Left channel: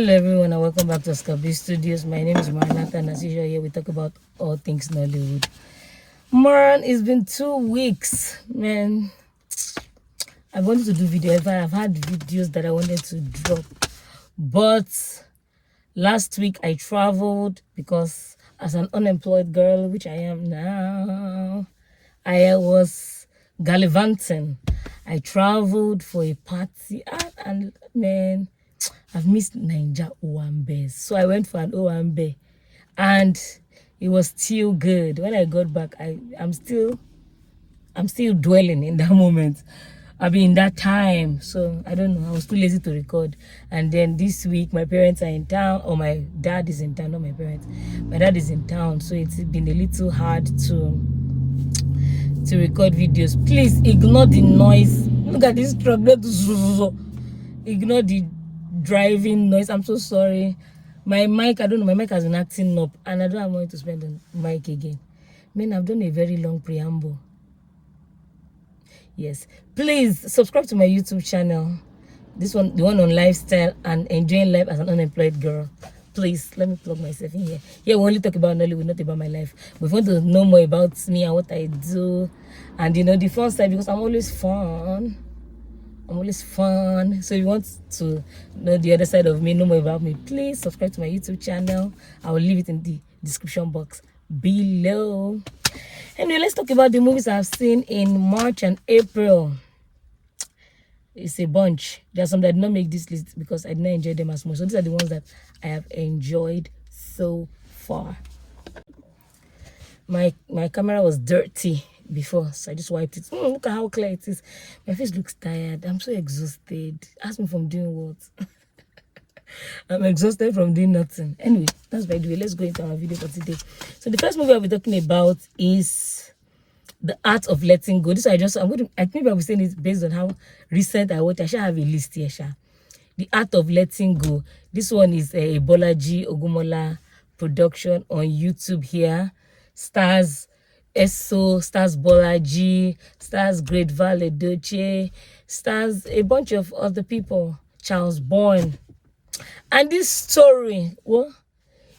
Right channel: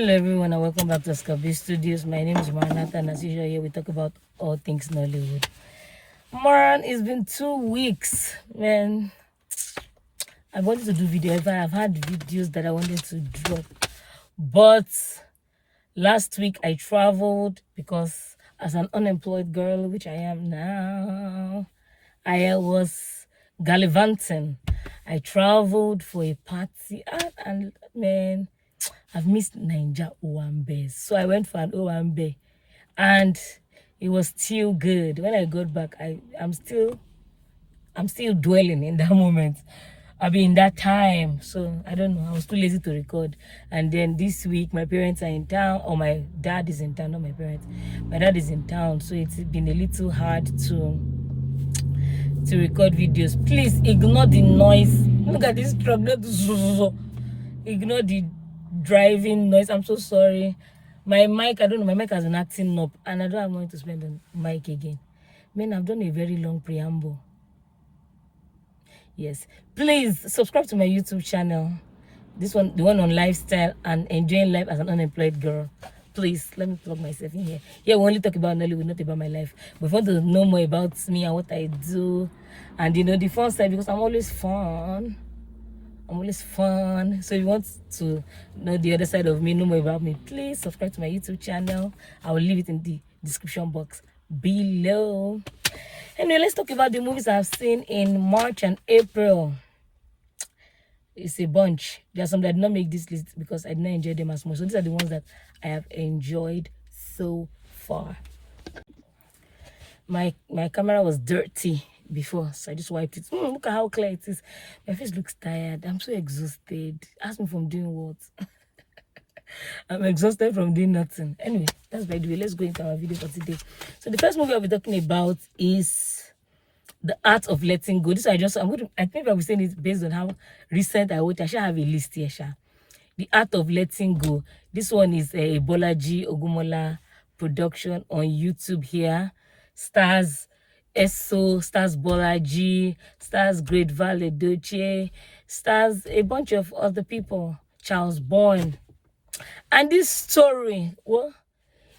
Hello everyone and welcome back to B.Studios. My name is Maranatha and as usual here we talk about all things Nollywood. Maran, it's been 2 weeks, man. I wanted to do video. I've had videos that I wanted to drop, but last week I traveled because as an unemployed girl, which I am now, I was gallivanting. I traveled for a party and man, I've missed Ninja Owambe. So I went for an Owambe and it was still good. When I got back, I'm still dwelling in that moment. I mean, that time. So I don't know. I was too lazy to record. And then this week, my parents are in town, or my dad is in town, not my parents. My dad is in town, so it's been a little hard to record videos. Please ignore the noise. Look at this truck. Ignore the driving noise. I'm so sorry. My mic, I don't know, my mic has been acting up and I don't have money to spend on mic again. Man, I've done a very long preamble. Yes, please subscribe to my YouTube channel. This one, the one on lifestyle and enjoying life as an unemployed girl. Please let me plug myself in here. Here we only talk about Nollywood, not about my life. But if you want to know more about me and what I do, and you know the fun side, because I'm always fun. So if you want to know the other side of me, know more about me, please subscribe to my YouTube channel. I will leave it in the description box below. Anyway, let's talk about the movies I've seen in March and April. It's a bunch. There are some that did not make this list because I did not enjoy them as much. So these are the ones that I have enjoyed so far. My camera was dirty before, so I just wiped it. Look at how clear it is. My face looks tired. I'm so exhausted. Ask me from doing what. I'm exhausted from doing nothing. Anyway, that's by the way. Let's go into our video for today. So the first movie I'll be talking about is The Art of Letting Go. This I think I'll be saying it based on how recent I watched. I shall have a list here, Sha. The Art of Letting Go. This one is a Bolaji Ogumola production on YouTube here. Stars Eso, stars Bolaji, stars Great Valley Doche, stars a bunch of other people, Charles Bourne. And this story, well,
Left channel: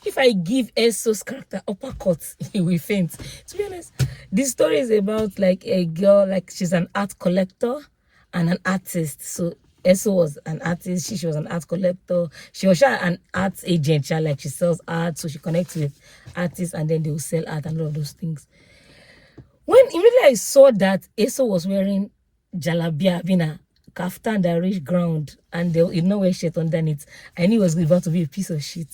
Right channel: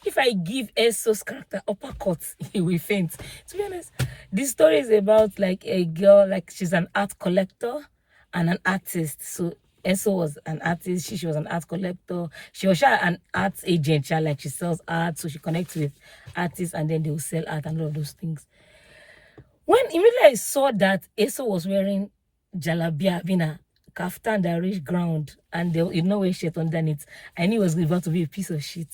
if I give Eso's character uppercuts, he will faint. To be honest, this story is about like a girl, like she's an art collector and an artist. So Eso was an artist, she was an art collector. She was an art agent, like she sells art, so she connects with artists and then they will sell art and all of those things. When immediately I saw that Eso was wearing jalabia, having a kaftan that reached ground, and there was no wear shirt underneath, I knew it was about to be a piece of shit.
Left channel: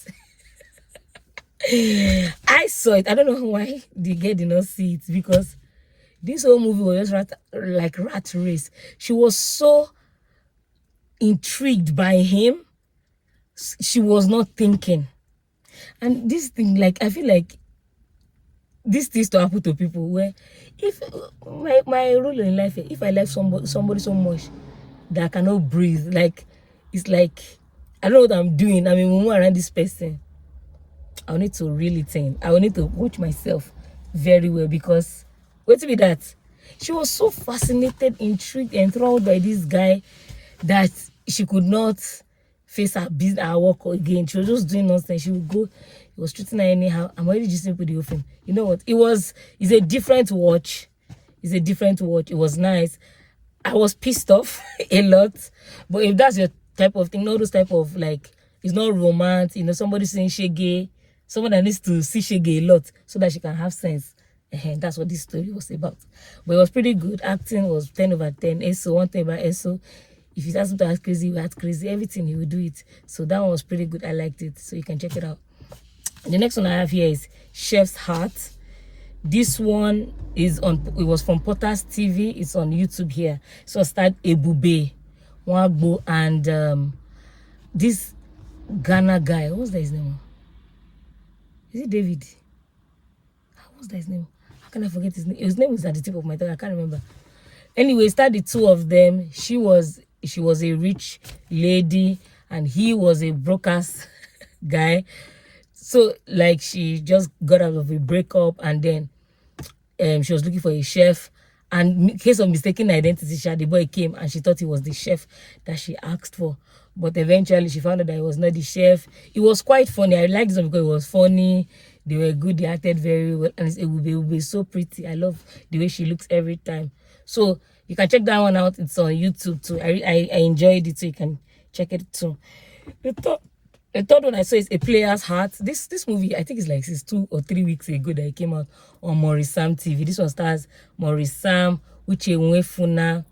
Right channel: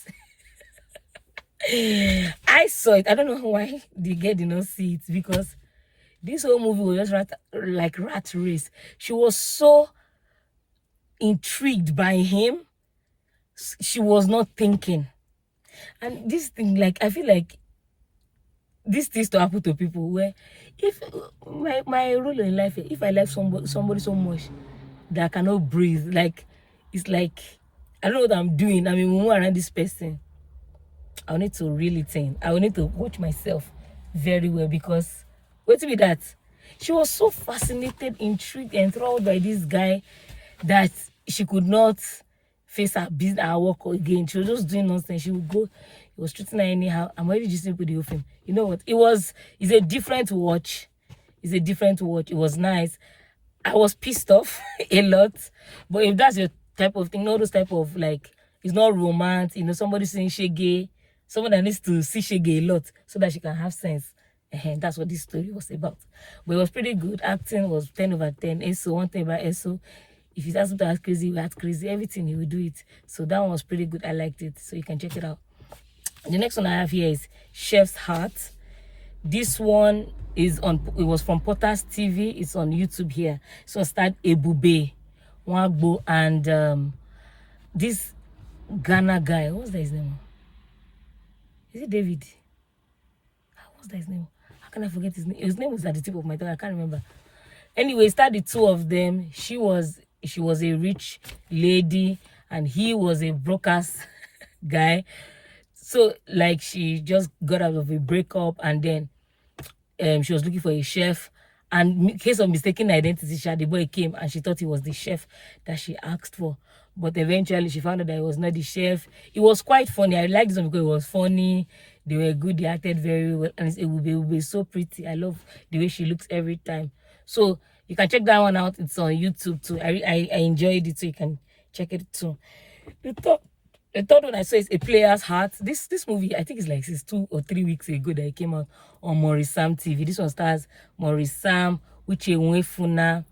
I saw it. I don't know why the girl did not see it, because this whole movie was just like rat race. She was so intrigued by him. She was not thinking. And this thing, like, I feel like this things to happen to people where if my rule in life, if I like somebody so much that I cannot breathe, like it's like I don't know what I'm doing. I mean, when I'm around this person, I need to really think. I will need to watch myself very well, because wait till be that she was so fascinated, intrigued, enthralled by this guy that she could not face her business, her work again. She was just doing nonsense. She would go. He was treating her anyhow. I'm already just with the whole film. You know what? It's a different watch. It's a different watch. It was nice. I was pissed off a lot. But if that's your type of thing, not those type of like, it's not romance, you know, somebody saying shege, someone that needs to see shege a lot so that she can have sense. And that's what this story was about. But it was pretty good. Acting was 10 over 10. Eso, one thing about Eso, if he has to act crazy, he act crazy. Everything, he will do it. So that one was pretty good. I liked it. So you can check it out. The next one I have here is Chef's Heart. This one is it was from Potter's TV. It's on YouTube here. So starred Ebube Wagbo and this Ghana guy. What's that his name? Is it David? What's that his name? How can I forget his name? His name was at the tip of my tongue. I can't remember. Anyway, starred the two of them. She was a rich lady and he was a broker's guy. So like she just got out of a breakup and then she was looking for a chef, and in case of mistaken identity, the boy came and she thought he was the chef that she asked for. but eventually she found out that he was not the chef. It was quite funny. I liked this one because it was funny. They were good. They acted very well, and it will be so pretty. I love the way she looks every time. So you can check that one out. It's on YouTube too. I enjoyed it, so you can check it too. The third one I saw is A Player's Heart. This movie, I think it's like 2 or 3 weeks ago that it came out on Maurice Sam TV. This one stars Maurice Sam, Uche Nwefuna.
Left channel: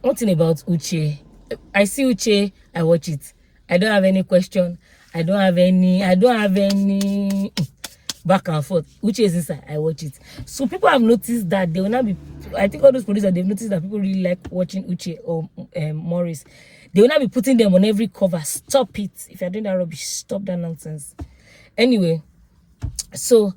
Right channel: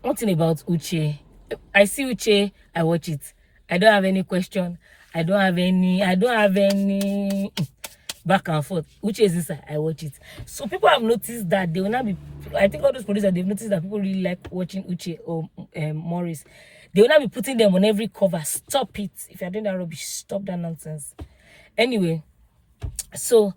One thing about Uche, I see Uche, I watch it. I don't have any question. I don't have any back and forth. Uche is inside, I watch it. So people have noticed that they will not be, I think all those producers, they've noticed that people really like watching Uche or Maurice. They will not be putting them on every cover. Stop it. If you're doing that rubbish, stop that nonsense. Anyway, so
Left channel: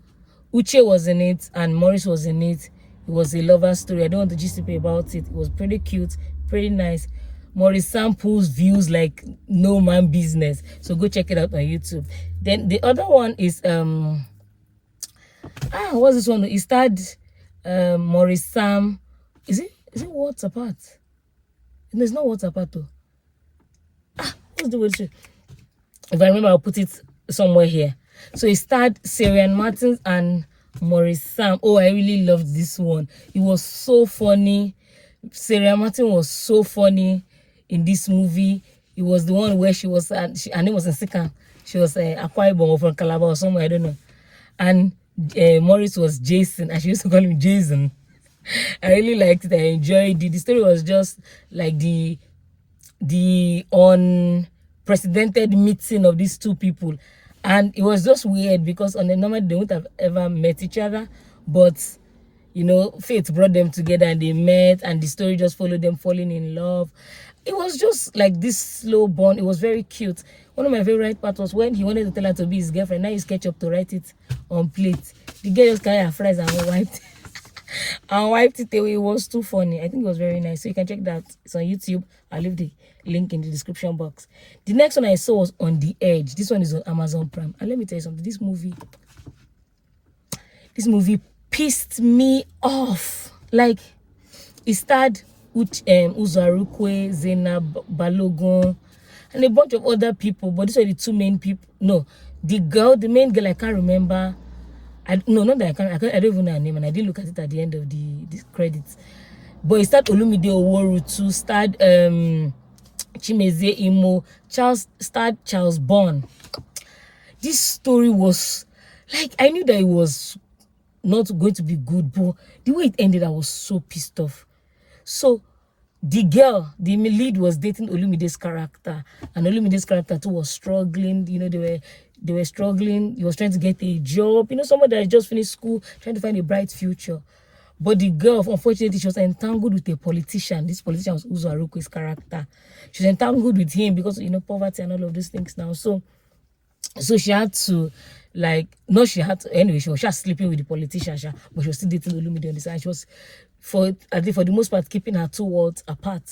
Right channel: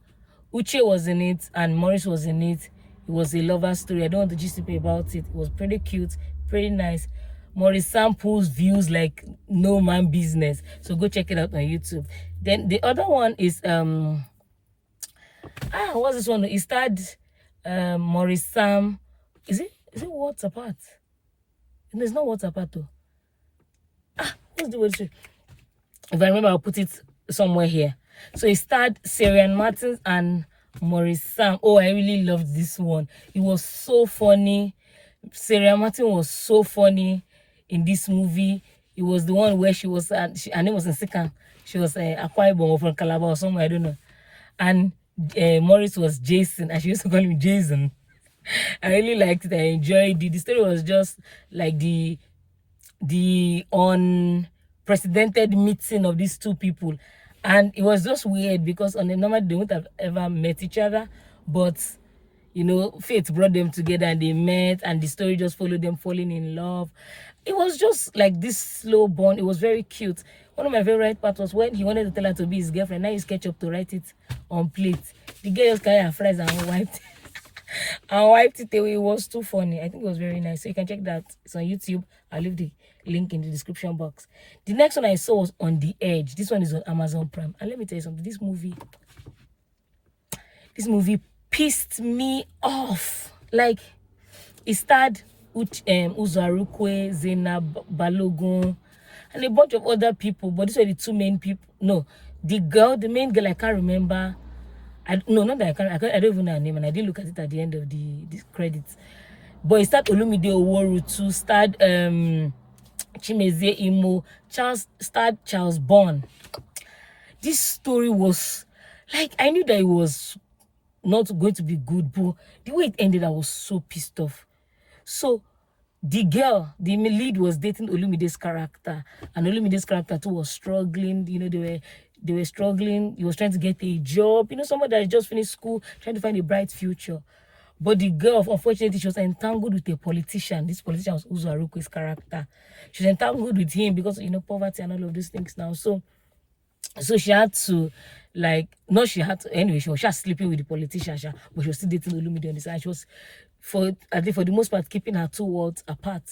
Uche was in it and Maurice was in it. It was a lover story. I don't want to just speak about it. It was pretty cute, pretty nice. Maurice samples views like no man business. So go check it out on YouTube. Then the other one is what's this one? It starred Maurice Sam. Is it What's Apart? No, it's not What's Apart though. What's the word? If I remember, I'll put it somewhere here. So it starred Syrian Martins and Maurice Sam. Oh, I really loved this one. It was so funny. Syrian Martin was so funny in this movie. It was the one where she was, her name was Nsika. She was Akwa Ibom from Calabar or somewhere, I don't know. And Maurice was Jason, and she used to call him Jason. I really liked it. I enjoyed it. The story was just like the unprecedented meeting of these two people, and it was just weird because on the normal they wouldn't have ever met each other, but you know, fate brought them together and they met, and the story just followed them falling in love. It was just like this slow bond. It was very cute. One of my favorite parts was when he wanted to tell her to be his girlfriend. Now he's ketchup to write it on plate. The girl just carried her fries and wiped and wiped it away. It was too funny. I think it was very nice. So you can check that. It's on YouTube. I'll leave the link in the description box. The next one I saw was On the Edge. This one is on Amazon Prime. And let me tell you something. This movie pissed me off. Like, it starred Uzarukwe, Zainab Balogun, and a bunch of other people. But these were the two main people. No, the main girl, I can't remember. No, not that I don't even know her name, and I did look at it at the end of the credits. But it starred Olumide Oworu too, starred Chimeze Imo, starred Charles Bond. This story was like, I knew that it was not going to be good, but the way it ended, I was so pissed off. So the girl, the lead, was dating Olumide's character, and Olumide's character too was struggling. You know, they were struggling. He was trying to get a job. You know, someone that had just finished school, trying to find a bright future. But the girl, unfortunately, she was entangled with a politician. This politician was Uzo Aruku's character. She was entangled with him because, you know, poverty and all of these things now. So she had to, like, no, she had to, anyway, she was just sleeping with the politician, but she was still dating Olumide on the side. She was, for the most part, keeping her two worlds apart.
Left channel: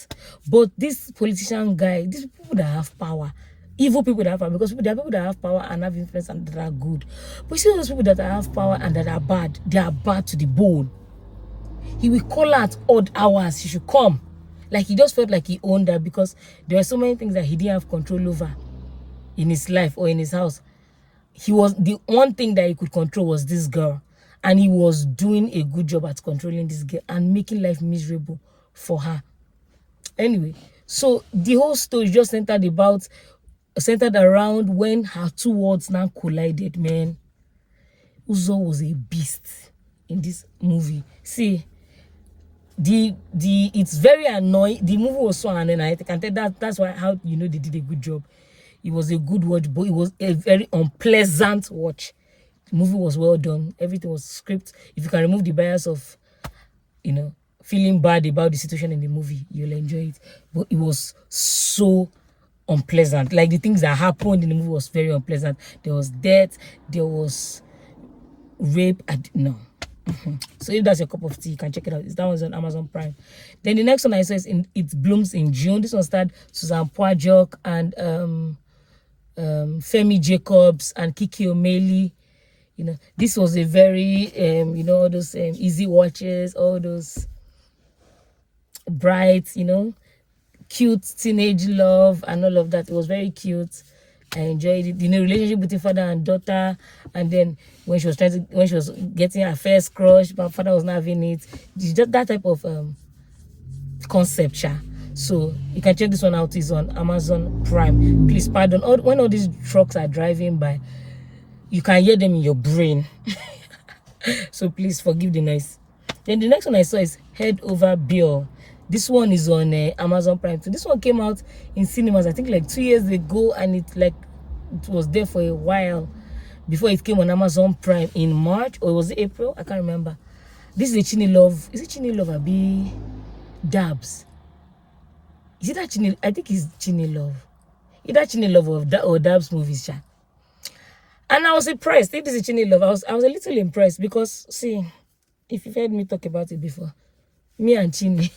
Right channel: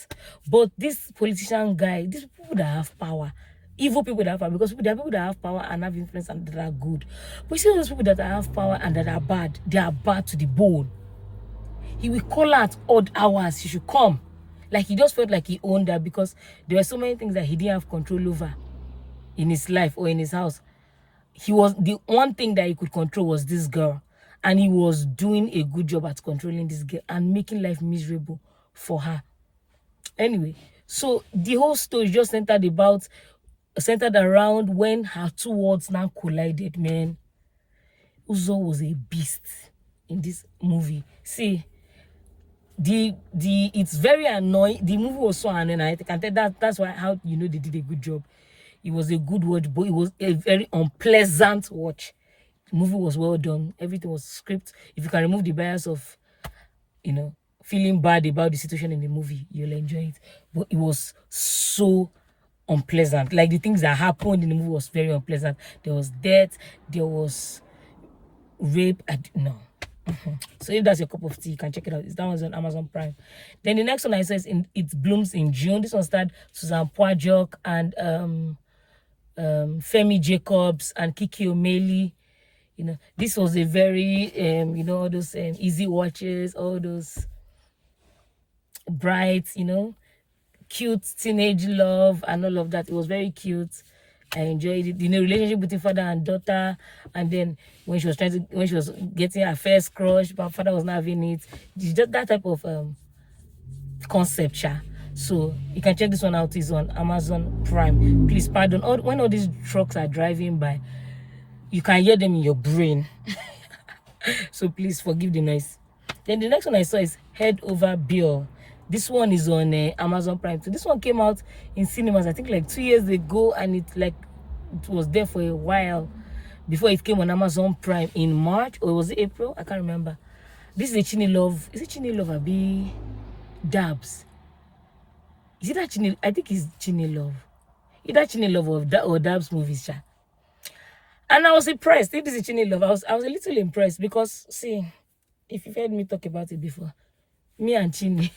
But this politician guy, these people that have power, evil people that have power, because there are people that have power and have influence and that are good. But you see those people that have power and that are bad, they are bad to the bone. He will call her at odd hours. She should come. Like, he just felt like he owned her because there were so many things that he didn't have control over in his life or in his house. He was, the one thing that he could control was this girl. And he was doing a good job at controlling this girl and making life miserable for her. Anyway, so the whole story just centered around when her two worlds now collided, man. Uzo was a beast in this movie. See, it's very annoying. The movie was so annoying. I can tell that's why, how you know they did a good job. It was a good watch, but it was a very unpleasant watch. The movie was well done. Everything was script. If you can remove the bias of, you know, feeling bad about the situation in the movie, you'll enjoy it. But it was so unpleasant. Like, the things that happened in the movie was very unpleasant. There was death. There was rape. No. So if that's your cup of tea, you can check it out. That one's on Amazon Prime. Then the next one I saw is It Blooms in June. This one starred Susan Poajok and Femi Jacobs and Kiki O'Malley. You know, this was a very you know, all those easy watches, all those bright, you know, cute teenage love and all of that. It was very cute. I enjoyed it. You know, relationship between father and daughter, and then when she was getting her first crush, but father was not having it. It's just that type of concept, yeah. So you can check this one out. It's on Amazon Prime. Please pardon when all these trucks are driving by, you can hear them in your brain. So please forgive the noise. Then the next one I saw is Head Over Bill. This one is on Amazon Prime. So this one came out in cinemas, I think like 2 years ago, and it was there for a while before it came on Amazon Prime in March, or was it April? I can't remember. This is a Chini Love. Is it Chini Love or B Dabs? Is it that Chini? I think it's Chini Love. Either Chini Love or Dabs movies, cha. And I was impressed. It is a Chini Love. I was a little impressed because, see, if you've heard me talk about it before, me and Chini,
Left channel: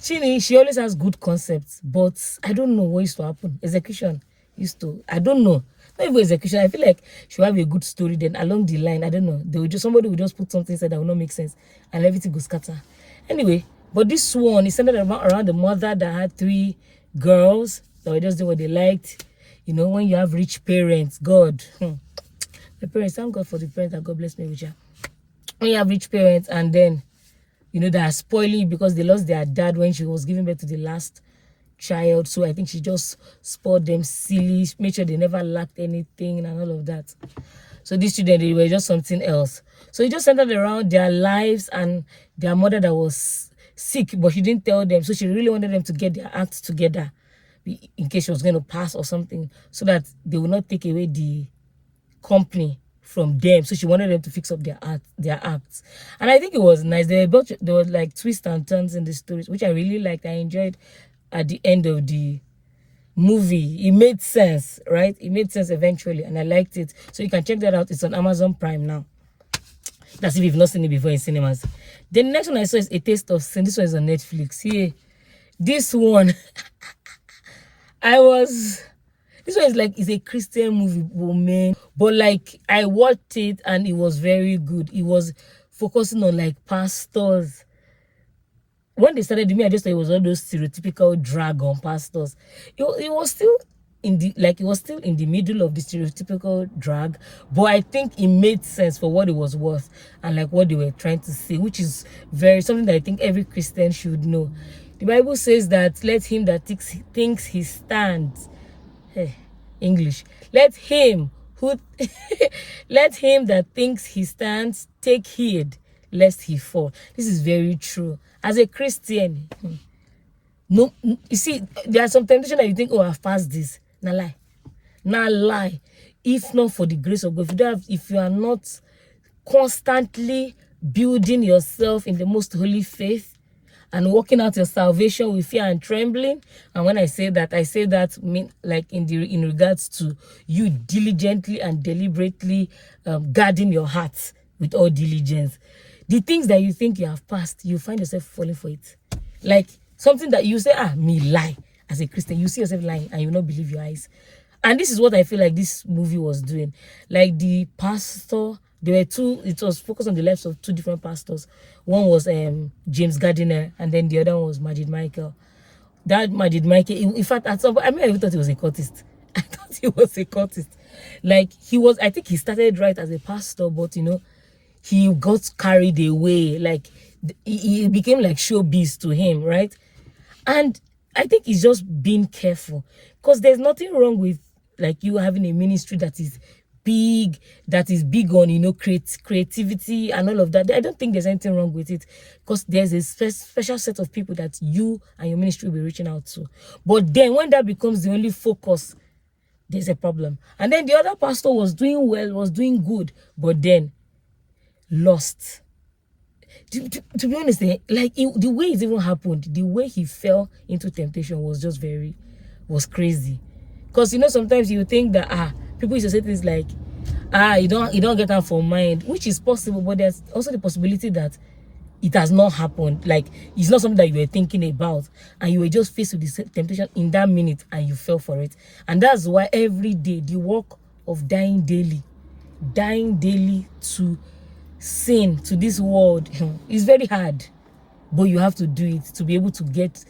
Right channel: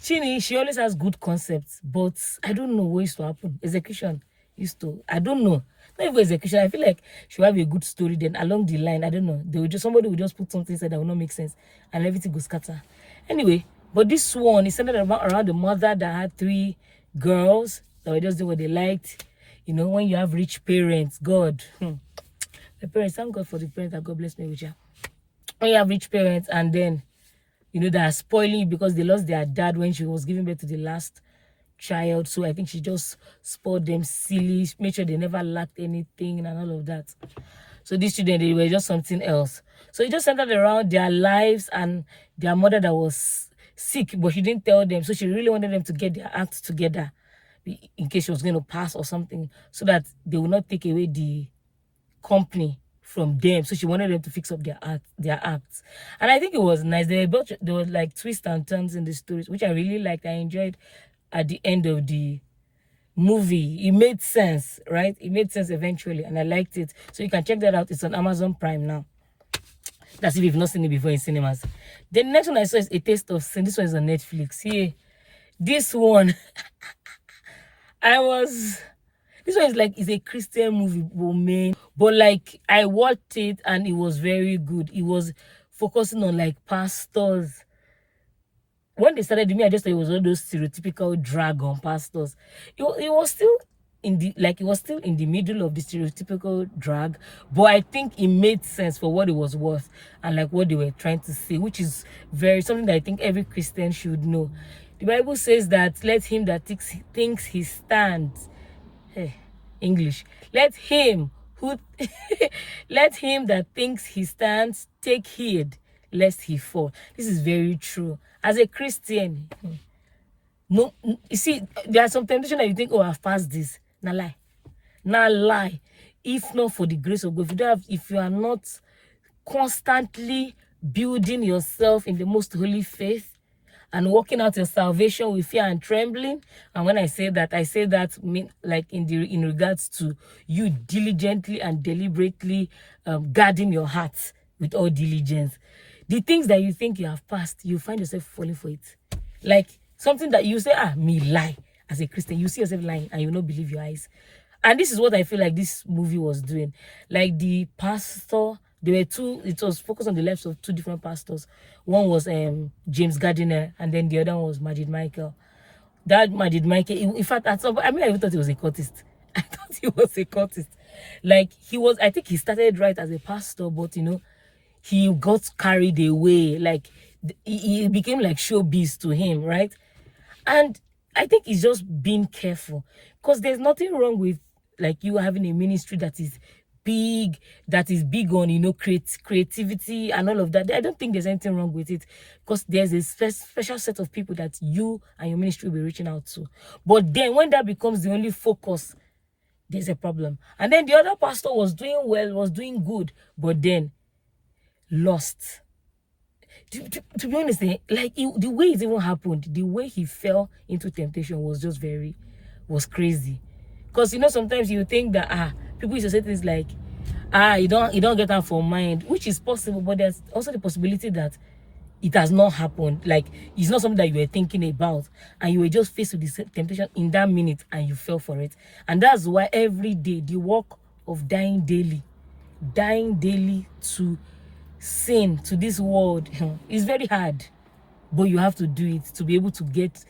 she always has good concepts, but I don't know what used to happen. Execution used to, I don't know. Not even execution. I feel like she'll have a good story, then along the line, I don't know, somebody will just put something inside that will not make sense, and everything will scatter. Anyway, but this one is centered around the mother that had 3 girls that were just doing what they liked. You know, when you have rich parents, God, my parents, thank God for the parents that God bless me with you. When you have rich parents, and then, you know, they are spoiling you because they lost their dad when she was giving birth to the last child. So I think she just spoiled them silly, made sure they never lacked anything and all of that. So these children, they were just something else. So it just centered around their lives and their mother that was sick, but she didn't tell them. So she really wanted them to get their acts together in case she was going to pass or something, so that they will not take away the company from them. So she wanted them to fix up their acts. And I think it was nice. There were like twists and turns in the stories, which I really liked. I enjoyed at the end of the movie. It made sense, right? It made sense eventually, and I liked it. So you can check that out. It's on Amazon Prime now. That's if you've not seen it before in cinemas. Then the next one I saw is A Taste of Sin. This one is on Netflix. Here, this one, this one is like, it's a Christian movie, man. But like, I watched it and it was very good. It was focusing on like pastors. When they started me, I just thought it was all those stereotypical drag on pastors. It was still in the middle of the stereotypical drag, but I think it made sense for what it was worth and like what they were trying to say, which is something that I think every Christian should know. The Bible says that let him that thinks he stands, English, let him that thinks he stands take heed lest he fall. This is very true. As a Christian, no, you see, there are some temptations that you think, oh, I've passed this. Now lie. If not for the grace of God, if you are not constantly building yourself in the most holy faith and working out your salvation with fear and trembling. And when I say that mean like in regards to you diligently and deliberately guarding your heart with all diligence. The things that you think you have passed, you find yourself falling for it. Like something that you say, me lie. As a Christian, you see yourself lying and you will not believe your eyes. And this is what I feel like this movie was doing. Like the pastor, it was focused on the lives of 2 different pastors. One was James Gardiner, and then the other one was Majid Michael. That Majid Michael, in fact, at some point, I even thought he was a cultist. I thought he was a cultist. Like I think he started right as a pastor, but you know, he got carried away. Like it became like showbiz to him, right? And I think it's just being careful, because there's nothing wrong with like you having a ministry that is big on, you know, creativity and all of that. I don't think there's anything wrong with it, because there's a special set of people that you and your ministry will be reaching out to. But then when that becomes the only focus, there's a problem. And then the other pastor was doing well, was doing good, but then lost. To be honest, like the way it even happened, the way he fell into temptation was just was crazy. Because you know, sometimes you think that people used to say things like, you don't get them for mind, which is possible, but there's also the possibility that it has not happened. Like it's not something that you were thinking about, and you were just faced with this temptation in that minute and you fell for it. And that's why every day the work of dying daily to sin, to this world, is very hard, but you have to do it to be able to get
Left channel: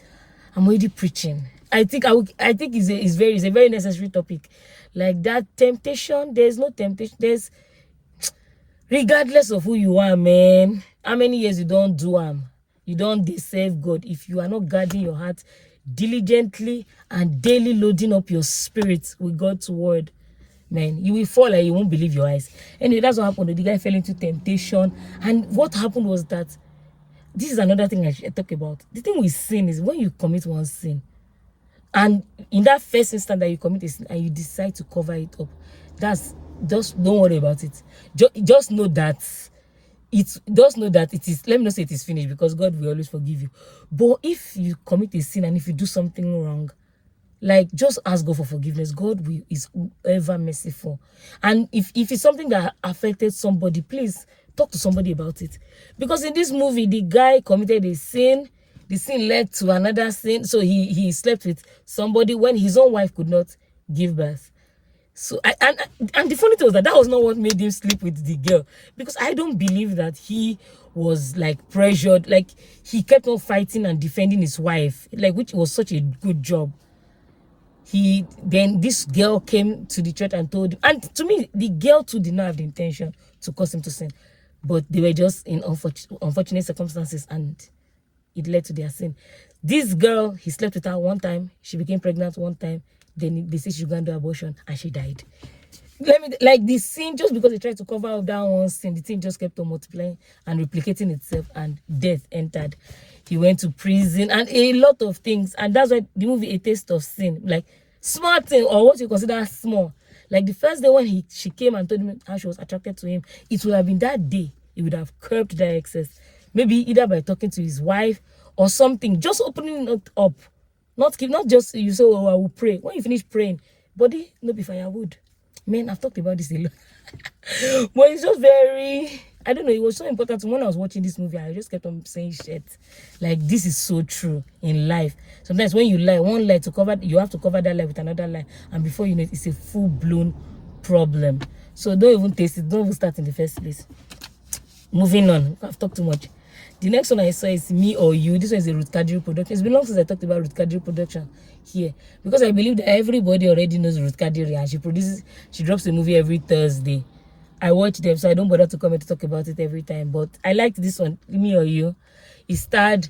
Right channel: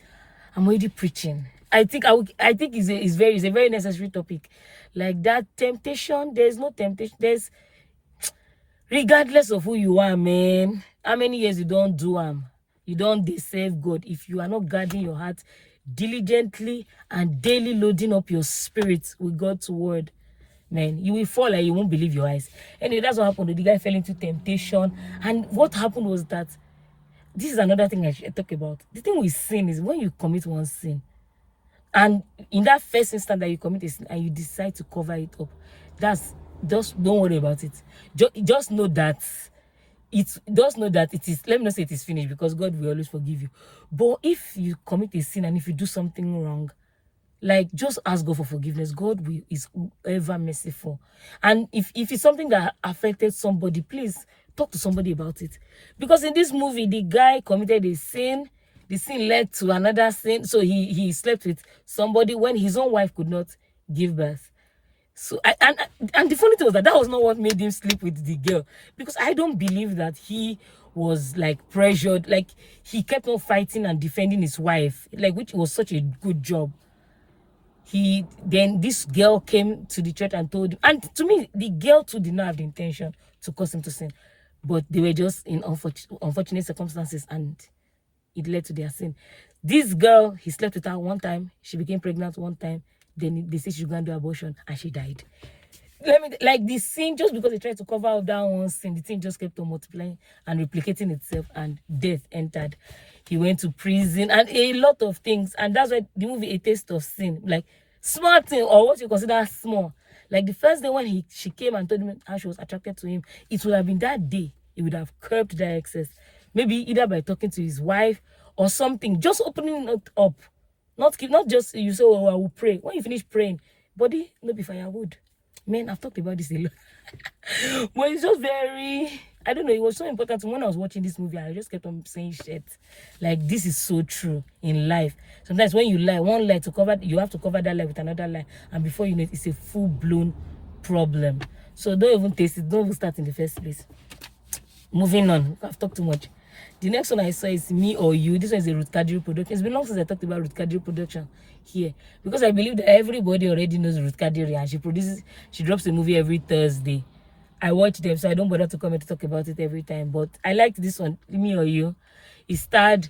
I'm already preaching. I think it's a very necessary topic. Like that temptation, there's no temptation. There's, regardless of who you are, man, how many years you don't do you don't deserve God. If you are not guarding your heart diligently and daily loading up your spirit with God's word, man, you will fall and you won't believe your eyes. Anyway, that's what happened. The guy fell into temptation, and what happened was that, this is another thing I should talk about. The thing with sin is, when you commit one sin, and in that first instant that you commit a sin and you decide to cover it up, that's, just don't worry about it. Just know that it is, let me not say it is finished, because God will always forgive you. But if you commit a sin and if you do something wrong, like, just ask God for forgiveness. God is ever merciful. And if it's something that affected somebody, please talk to somebody about it. Because in this movie, the guy committed a sin. The sin led to another sin. So he slept with somebody when his own wife could not give birth. So and the funny thing was that was not what made him sleep with the girl, because I don't believe that he was like pressured. Like, he kept on fighting and defending his wife, like, which was such a good job. Then this girl came to the church and told him, and to me, the girl too did not have the intention to cause him to sin, but they were just in unfortunate circumstances, and it led to their sin. This girl, he slept with her one time, she became pregnant one time, then they said she should go and do abortion, and she died. Like, the sin, just because they tried to cover up that one sin, the thing just kept on multiplying and replicating itself, and death entered. He went to prison and a lot of things, and that's why the movie A Taste of Sin, like, small thing, or what you consider small. Like, the first day when she came and told him how she was attracted to him, it would have been that day he would have curbed that excess, maybe either by talking to his wife or something, just opening it up. Not just you say, oh, I will pray. When you finish praying, body no be firewood. Man, I've talked about this a lot. But it's just very, I don't know, it was so important. When I was watching this movie, I just kept on saying shit. Like, this is so true in life. Sometimes when you lie, one lie to cover, you have to cover that lie with another lie. And before you know it, it's a full-blown problem. So don't even taste it. Don't even start in the first place. Moving on. I've talked too much. The next one I saw is Me or You. This one is a Ruth Kadiri production. It's been long since I talked about Ruth Kadiri production here, because I believe that everybody already knows Ruth Kadiri, and she drops a movie every Thursday. I watch them, so I don't bother to come and to talk about it every time. But I liked this one, Me or You. It starred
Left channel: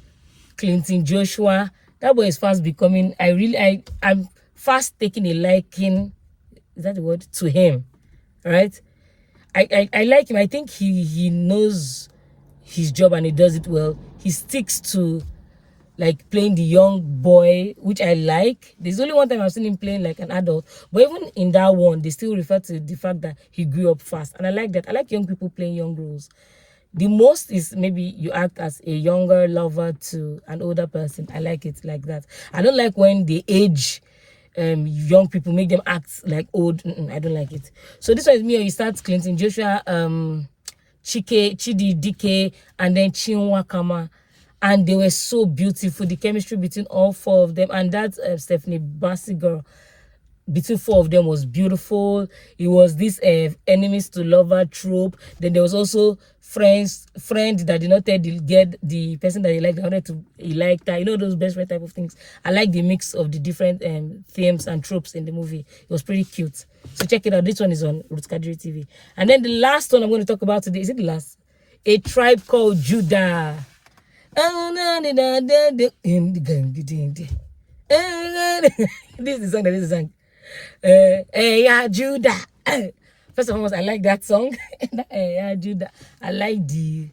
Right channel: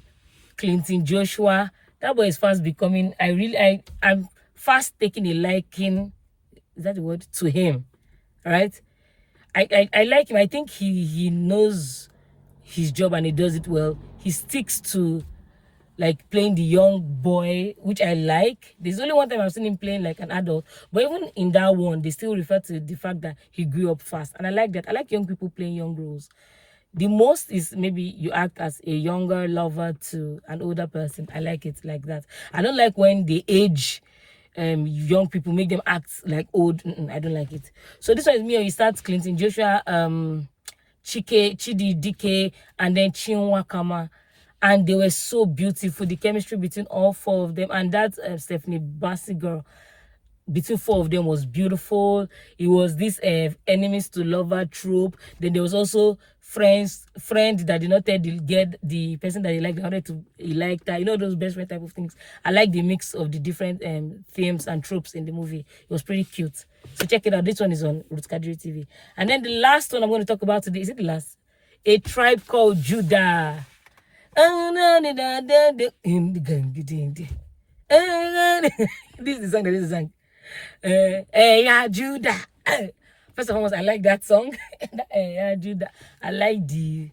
Clinton Joshua. That boy is fast becoming, I'm fast taking a liking, is that the word, to him, right? I like him. I think he knows his job and he does it well. He sticks to, like, playing the young boy, which I like. There's only one time I've seen him playing like an adult, but even in that one, they still refer to the fact that he grew up fast, and I like that. I like young people playing young roles. The most is maybe you act as a younger lover to an older person. I like it like that. I don't like when they age young people, make them act like old. I don't like it. So this one is Me or You. Starts Clinton Joshua, Chidi Dike, and then Chinua Kama. And they were so beautiful. The chemistry between all four of them, and that Stephanie Bassi girl, between four of them was beautiful. It was this enemies to lover trope. Then there was also friend that did not tell the person that he liked, he liked her. You know, those best friend type of things. I like the mix of the different themes and tropes in the movie. It was pretty cute. So check it out. This one is on Ruth Kadiri TV. And then the last one I'm going to talk about today, is it the last? A Tribe Called Judah. This is the song that is sang. Yeah, Judah. First of all, I like that song. Yeah, Judah. I like the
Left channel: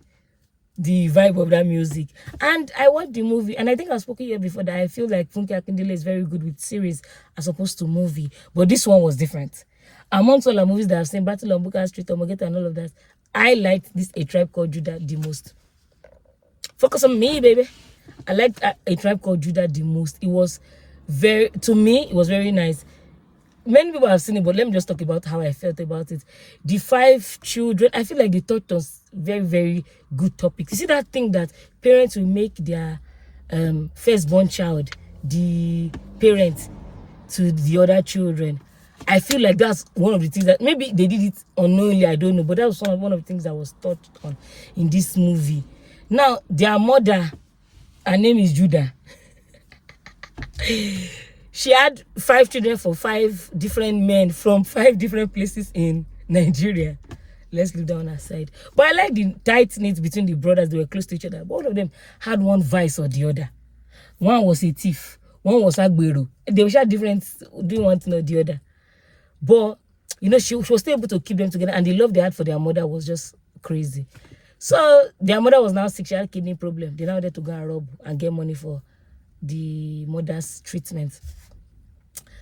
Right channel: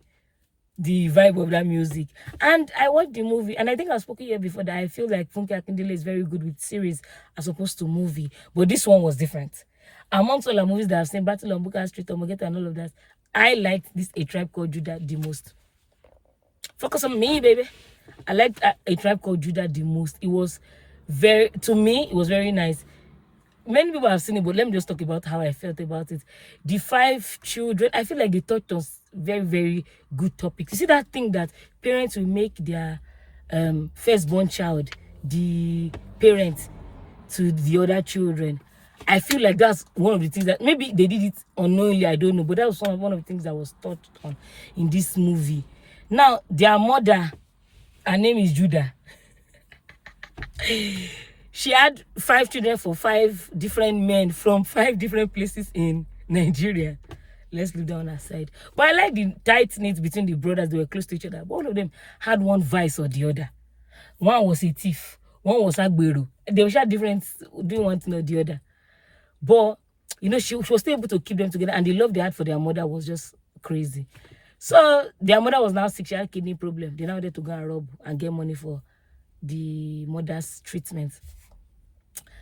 vibe of that music. And I watched the movie, and I think I've spoken here before that I feel like Funke Akindele is very good with series as opposed to movie. But this one was different. Amongst all the movies that I've seen, Battle on Bukka Street, Omogeta, and all of that, I liked this A Tribe Called Judah the most. Focus on me, baby. I liked A Tribe Called Judah the most. It was to me, it was very nice. Many people have seen it, but let me just talk about how I felt about it. The 5 children, I feel like they touched on very, very good topics. You see that thing that parents will make their firstborn child the parent to the other children. I feel like that's one of the things that maybe they did it unknowingly, I don't know, but that was one of the things that was touched on in this movie. Now, their mother, her name is Judah. She had 5 children for 5 different men from 5 different places in Nigeria. Let's leave that one aside. But I like the tight knit between the brothers. They were close to each other. But all of them had one vice or the other. One was a thief. One was Agbero. They were different, doing one thing or the other. But, you know, she was still able to keep them together. And the love they had for their mother was just crazy. So, their mother was now sick. She had a kidney problem. They now had to go and rob and get money for the mother's treatment.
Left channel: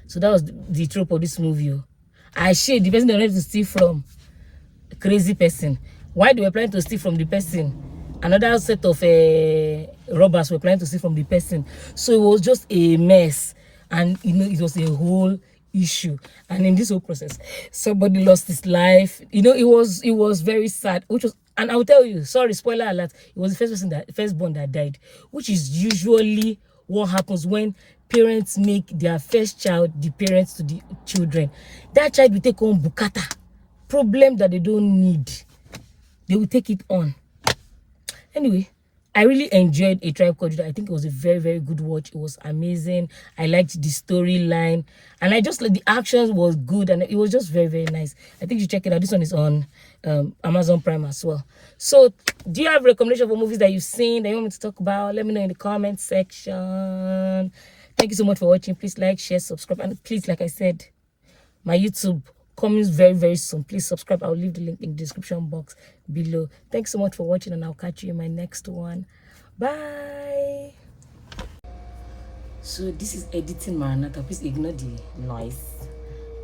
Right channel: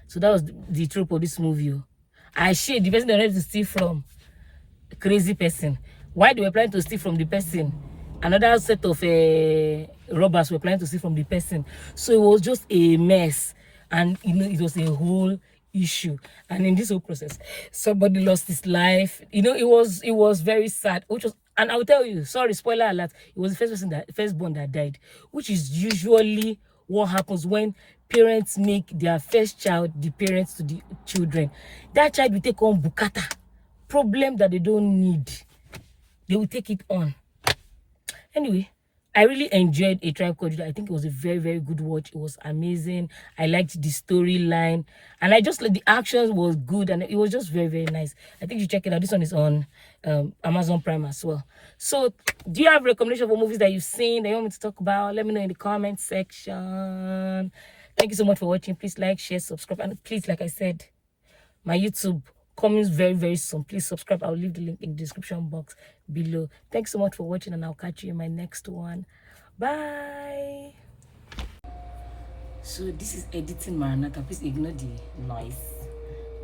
So, that was the trope of this movie. I shade the person they wanted to steal from. Crazy person. Why they were planning to steal from the person, another set of robbers were planning to steal from the person. So it was just a mess, and you know, it was a whole issue. And in this whole process, somebody lost his life. You know, it was very sad, which was, and I'll tell you, sorry, spoiler alert, it was the firstborn that died, which is usually what happens when parents make their first child the parents to the children. That child will take on bukata, problem that they don't need. They will take it on. Anyway, I really enjoyed A Tribe Called Judah. I think it was a very, very good watch. It was amazing. I liked the storyline, and I just like the actions was good, and it was just very, very nice. I think you should check it out. This one is on Amazon Prime as well. So, do you have recommendations for movies that you've seen that you want me to talk about? Let me know in the comment section. Thank you so much for watching. Please like, share, subscribe, and please, like I said, my YouTube coming very, very soon. Please subscribe. I'll leave the link in the description box below. Thanks so much for watching, and I'll catch you in my next one. Bye. So this is editing Maranatha. Please ignore the noise.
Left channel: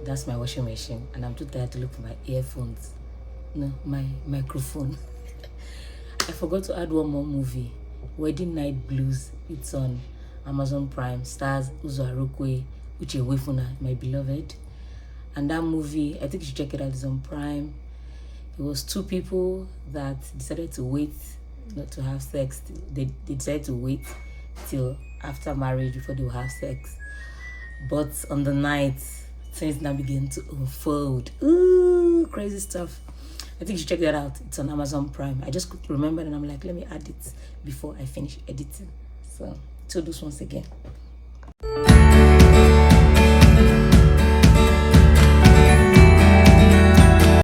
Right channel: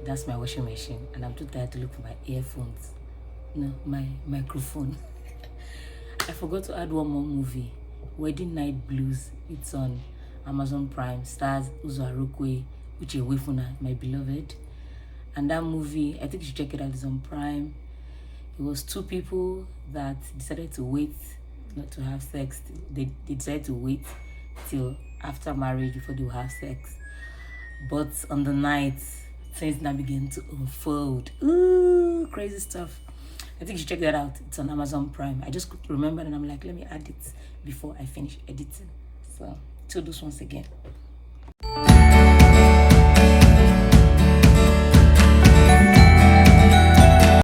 That's my washing machine, and I'm too tired to look for my earphones. No, my microphone. I forgot to add one more movie, Wedding Night Blues. It's on Amazon Prime. Stars Uzo Arokwe, Uche Wefuna, my beloved. And that movie, I think you should check it out. It's on Prime. It was 2 people that decided to wait not to have sex. They decided to wait till after marriage before they will have sex. But on the night, things now begin to unfold. Ooh, crazy stuff. I think you should check that out. It's on Amazon Prime. I just remembered, and I'm like, let me add it before I finish editing. So, till this once again.